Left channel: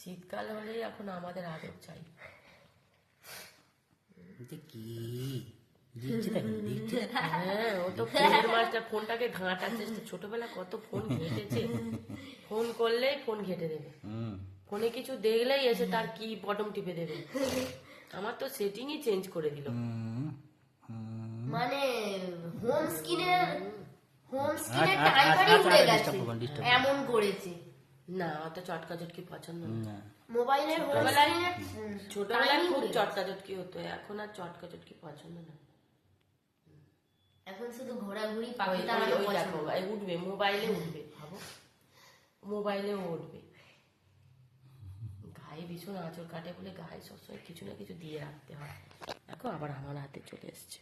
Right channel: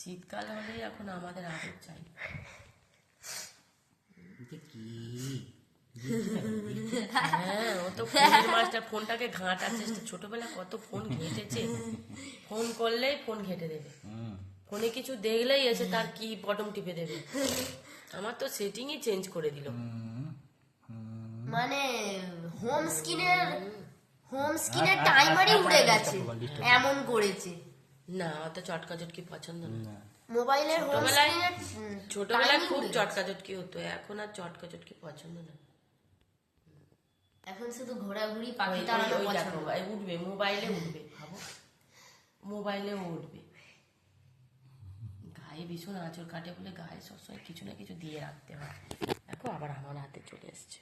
শীতকাল হলেই এখন আমাদের আদর চাই। হ্যাঁ, ও তো ফোনের মাস্টার, ফোনটাকে ঘাঁটার চেষ্টা। ছোটবেলা কত ফোন ঘেঁটেছে, ফোন করলেই ফোন ঘেঁটে দেবে, ফোনে কিছু দেখলেই এসে তার কি বটম টিপে দেবে। আমার তো সেটিংই চেঞ্জ করে দিল। মানে হোম স্ক্রিনের টাইমারই উড়ে গেছে, এমন করেছে। না, অত চটকা চটকি পছন্দ না। মোবাইলের ছোটবেলায় খুব চটকা চটকি হতো, এখন আর চটকা চটকি পছন্দ না। এখন শুধু ঘোরাঘুরি, পাখি ওই দেখো উঠবে, মোবাইলে উঠবে, ভাবো মোবাইলেও উঠবে। গায়ে ভীষণ আঁচড় কাটে বলে গায়ে সবসময় কিছু না কিছু দিয়ে রাখতে হয়। দেখো আবার আমার হাতে চলে এসছে।